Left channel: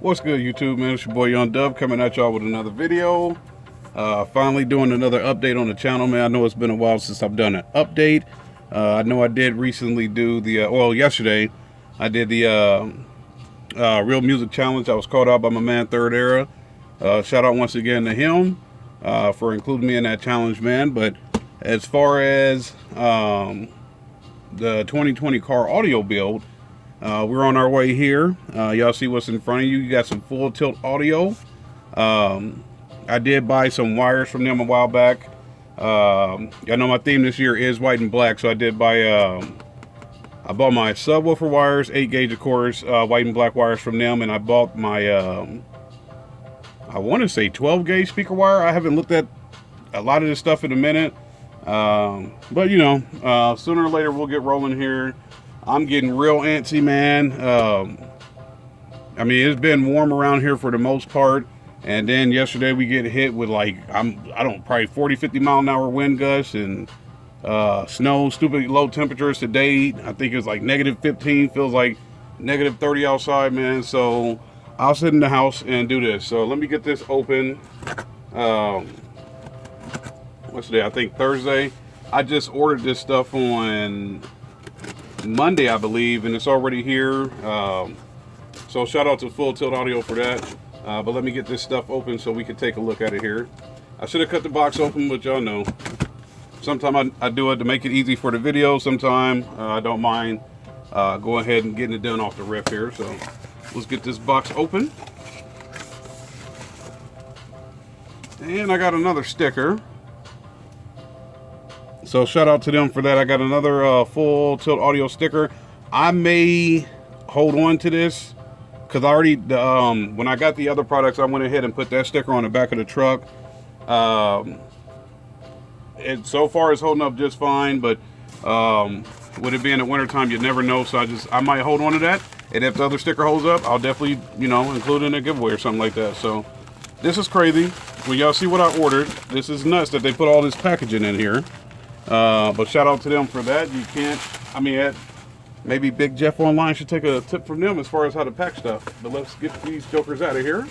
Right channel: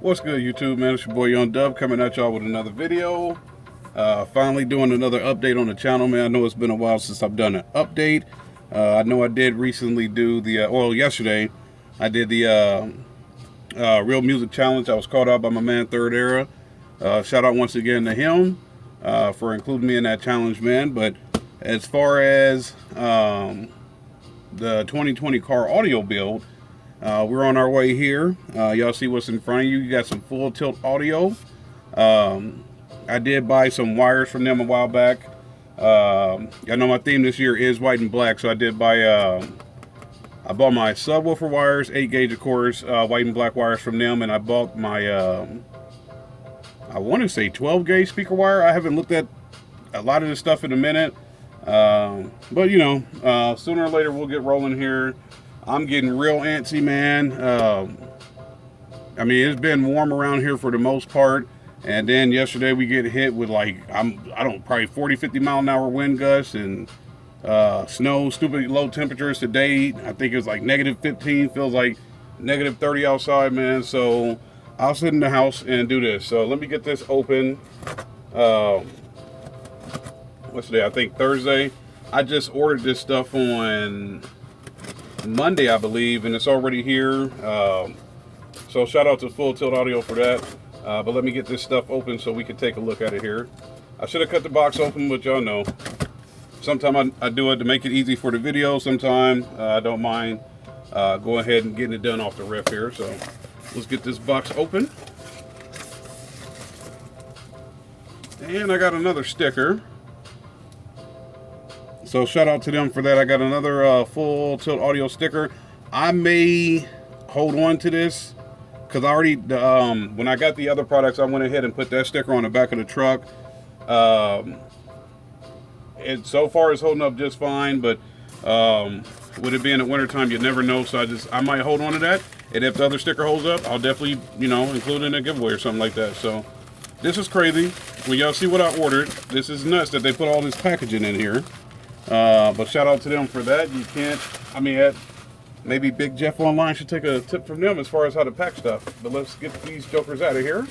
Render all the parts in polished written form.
What's good, YouTube, man? It's your boy Young Dub coming at y'all with another video. Finally doing another update on the channel, man. I know it's been a while since I've done an update. I know I did recently do the, yesterday, I did the Real Music Challenge. I was called out by my man Third Era. Shout out once again to him for including me in that challenge, man. But as far as the 2020 car audio build, we're on our way here. Y'all see what's in front of you. You got some full tilt audio. I did buy some wires from them a while back. I know my theme this year is white and black, so I did buy, I bought my subwoofer wires, 8 gauge of course, white and black wires from them, and I bought my, I want to say 12 gauge speaker wire. I haven't looked at a lot of this stuff in a minute, but you know, sooner or later we'll get rolling here. I'm getting real antsy, man. I mean, it's been warm around here for the most part. And then yesterday we get hit with like, probably 40, 50 mile an hour wind gusts and snow, stupid low temperatures today. I think it's like -15, feels like -30 outside, man. So I'll sit in the house and do this. So let me get this open. What's today? I think Thursday. I just ordered this stuff on Monday, I believe, and it's already here. So shout out to Full Tilt Audio for that. But let me get this stuff open so we can take a look at it here. I should have cut the box open, but y'all know. Sometimes I do it to make it easy for the video. Sometimes I don't mind going ahead and getting it done off the rip here. So let's get this box open. And I got another sticker. So shout out to them for that. I got another Full Tilt Audio sticker. I may hold on to this because I already, when I got the other products, I went ahead and put that sticker on the back of the truck. It so far is holding up just fine, but with it being the winter time, you never know. So I might hold on to that. And if the other sticker holds up, I'll definitely, you know, include it in a giveaway or something like that. So this is crazy. When y'all see what I ordered, this is nuts that they put all this packaging in here. But shout out to them for that. You can't, I mean, maybe Big Jeff Online should take a tip from them as far as how to pack stuff. But let's get these jokers out of here.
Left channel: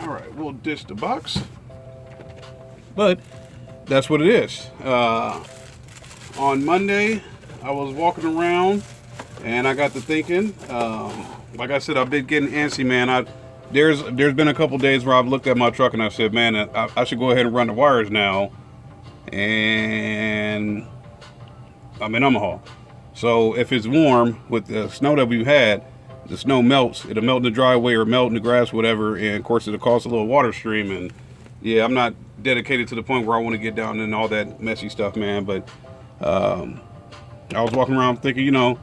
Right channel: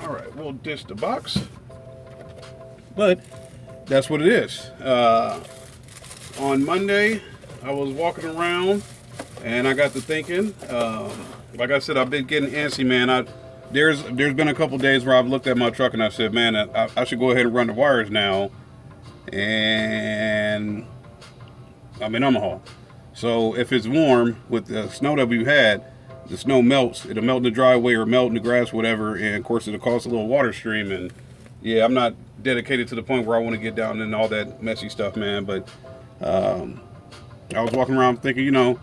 All right, we'll dish the box. But that's what it is. On Monday, I was walking around and I got to thinking, like I said, I've been getting antsy, man. There's been a couple days where I've looked at my truck and I said, man, I should go ahead and run the wires now. And I'm in Omaha. So if it's warm with the snow that we've had, the snow melts. It'll melt in the driveway or melt in the grass, whatever. And of course, it'll cause a little water stream. And yeah, I'm not dedicated to the point where I want to get down in all that messy stuff, man. But I was walking around thinking, you know,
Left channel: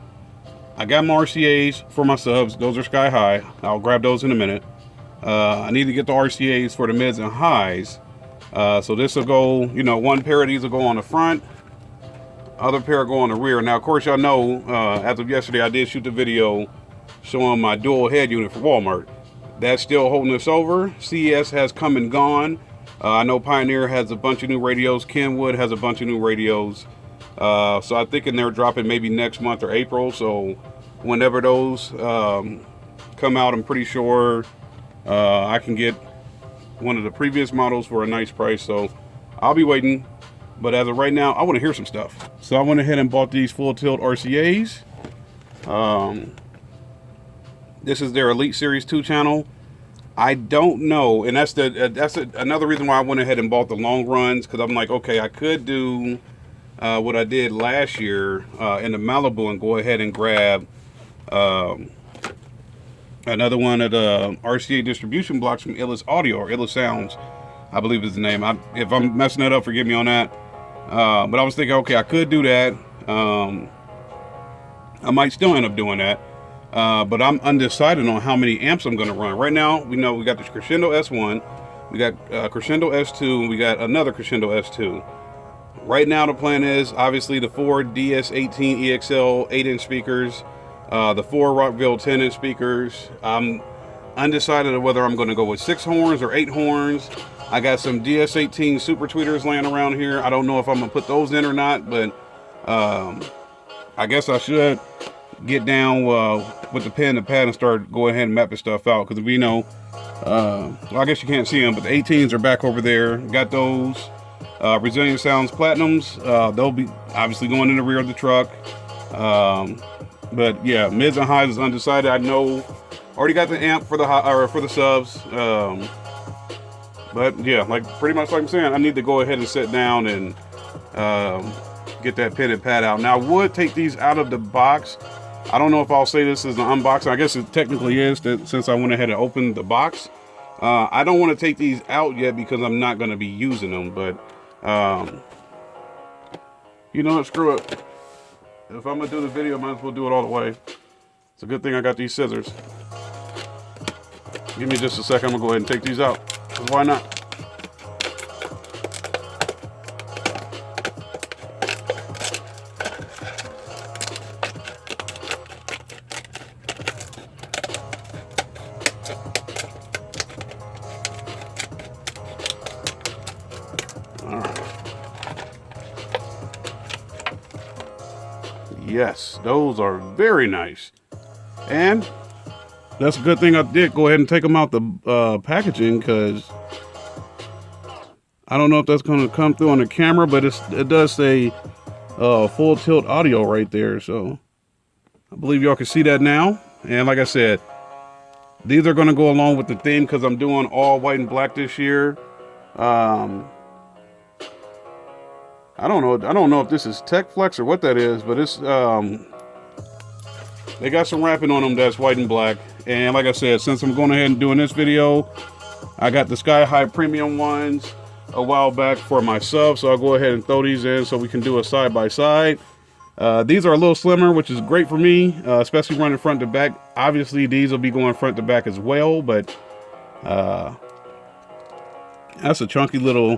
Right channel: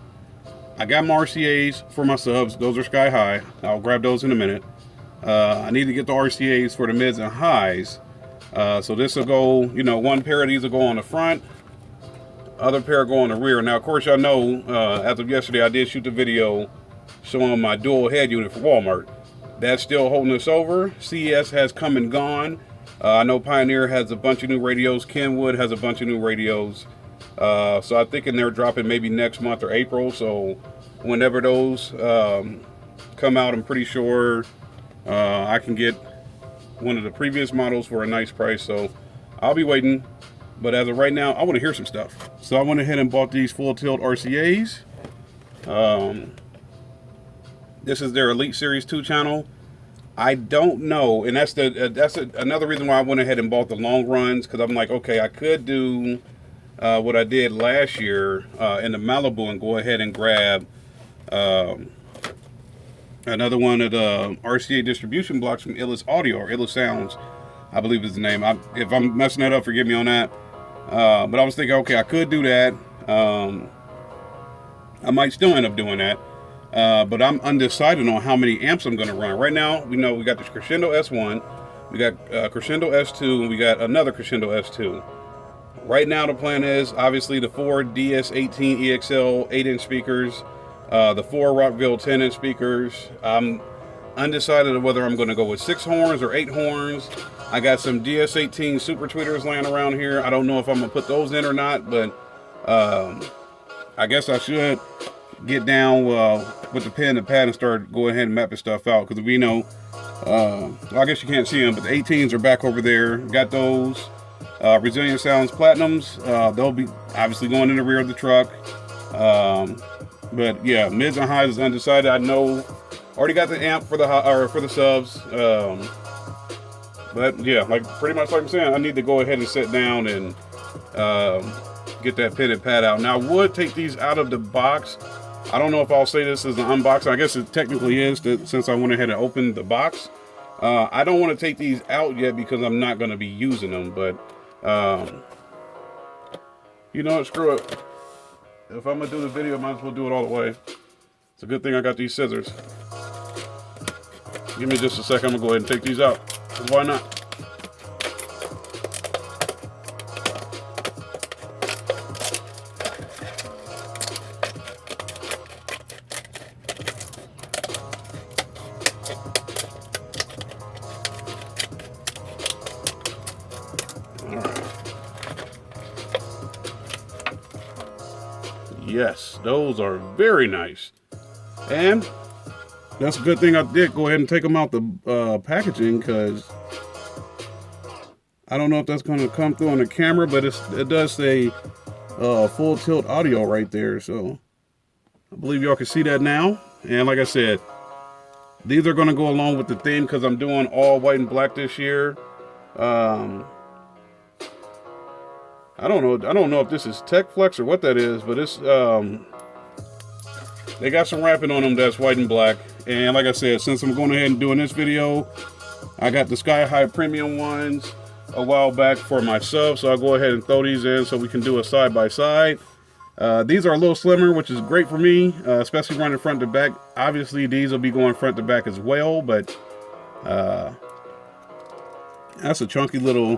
I got my RCAs for my subs. Those are sky high. I'll grab those in a minute. I need to get the RCAs for the mids and highs. So this will go, you know, one pair of these will go on the front, other pair go on the rear. Now, of course, y'all know, as of yesterday, I did shoot the video showing my dual head unit for Walmart. That's still holding us over. CES has come and gone. I know Pioneer has a bunch of new radios. Kenwood has a bunch of new radios. So I'm thinking they're dropping maybe next month or April. So whenever those come out, I'm pretty sure I can get one of the previous models for a nice price. So I'll be waiting. But as of right now, I want to hear some stuff. So I went ahead and bought these Full Tilt RCAs. This is their Elite Series 2 channel. I don't know, and that's another reason why I went ahead and bought the long runs, because I'm like, okay, I could do what I did last year in the Malibu and go ahead and grab another one of the RCA distribution blocks from Illis Audio, or Illis Sounds, I believe is the name. If I'm messing that up, forgive me on that. But I was thinking, okay, I could do that. I might still end up doing that. But I'm undecided on how many amps I'm going to run. Right now, we know we got the Crescendo S1, we got Crescendo S2, and we got another Crescendo S2. Right now, the plan is obviously the 4 DS18 EXL 8-inch speakers, the 4 Rockville 10-inch speakers. I'm undecided of whether I'm going to go with 6 horns or 8 horns. I got some DS18 super tweeters laying around here. I don't know if I'm going to put those in or not, but I guess I should. get down with the pen and pad and start going ahead and mapping stuff out. Because we know, well, I guess you can't see them, but the 18s are back over there. Got those. Resilient Sounds Platinums. They'll be obviously going in the rear of the truck. But yeah, mids and highs is undecided. I know already got the amp for the or for the subs. But yeah, like pretty much like I'm saying, I need to go ahead and sit down and get that pen and pad out. Now I would take these out of the box. I don't know if I'll say this is an unboxing. I guess it technically is, that since I went ahead and opened the box. I don't want to take these out yet because I'm not going to be using them, but you know what, screw it. If I'm going to do the video, I might as well do it all the way. It's a good thing I got these scissors. Give me just a second, I'm going to go ahead and take these out. Why not? Yes, those are very nice. And that's a good thing I did go ahead and take them out the packaging, because I don't know if that's going to come through on the camera, but it does say full tilt audio right there. So I believe y'all can see that now. And like I said, these are going to go along with the theme because I'm doing all white and black this year. I don't know if this is Tech Flex or what that is, but it's they got some wrapping on them that's white and black. And like I said, since I'm going ahead and doing this video, I got the Sky High premium ones a while back for my sub, so I'll go ahead and throw these in so we can do a side by side. These are a little slimmer, which is great for me, especially running front to back. Obviously these will be going front to back as well, but that's a chunky little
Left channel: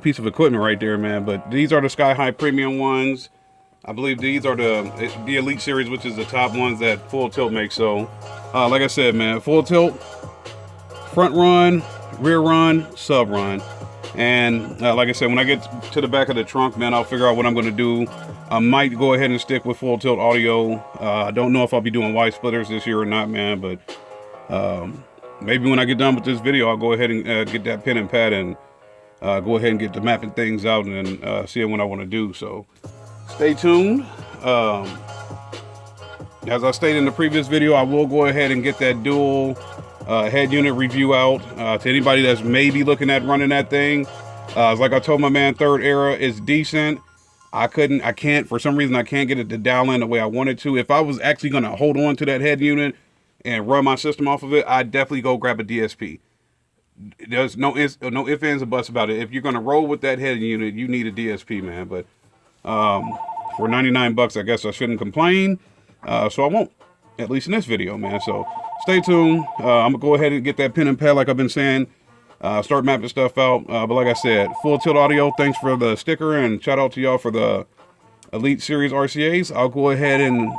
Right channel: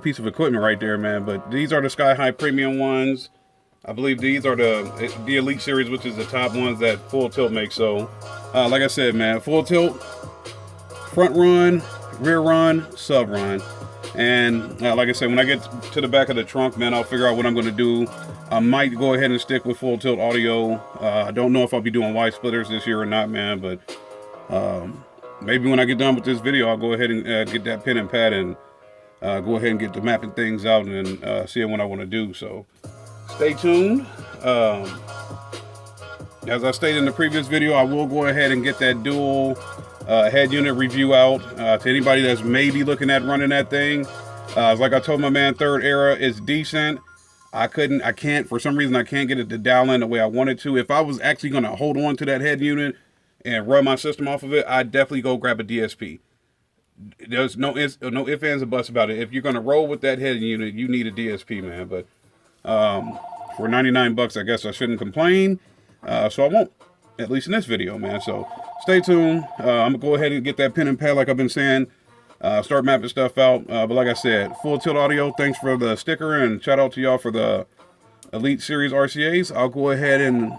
piece of equipment right there, man. But these are the Sky High premium ones. I believe these are the Elite series, which is the top ones that Full Tilt makes. So like I said, man, Full Tilt, front run, rear run, sub run. And like I said, when I get to the back of the trunk, man, I'll figure out what I'm going to do. I might go ahead and stick with Full Tilt audio. I don't know if I'll be doing wide splitters this year or not, man, but maybe when I get done with this video, I'll go ahead and get that pen and pad and go ahead and get the mapping things out and see what I want to do. So stay tuned. As I stated in the previous video, I will go ahead and get that dual head unit review out to anybody that's maybe looking at running that thing. Like I told my man, Third Era is decent. For some reason I can't get it to dial in the way I wanted to. If I was actually going to hold on to that head unit and run my system off of it, I'd definitely go grab a DSP. There's no ifs, ands, or buts about it. If you're going to roll with that head unit, you need a DSP, man. But for 99 bucks, I guess I shouldn't complain. So I won't, at least in this video, man. So stay tuned. I'm gonna go ahead and get that pen and pad, like I've been saying. Start mapping stuff out. But like I said, Full Tilt Audio, thanks for the sticker, and shout out to y'all for the Elite Series RCAs. I'll go ahead and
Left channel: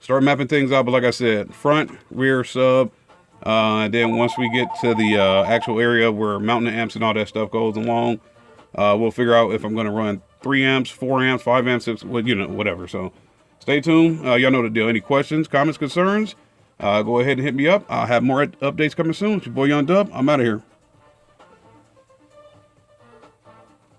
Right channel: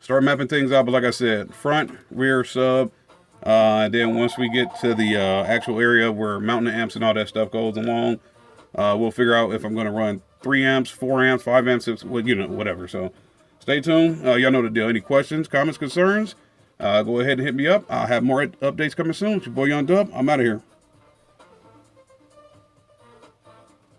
start mapping things out. But like I said, front, rear, sub. And then once we get to the actual area where mounting the amps and all that stuff goes along, we'll figure out if I'm going to run 3 amps, 4 amps, 5 amps, 6, well, you know, whatever. So stay tuned. Y'all know the deal. Any questions, comments, concerns, go ahead and hit me up. I'll have more updates coming soon. It's your boy Young Dub. I'm out of here.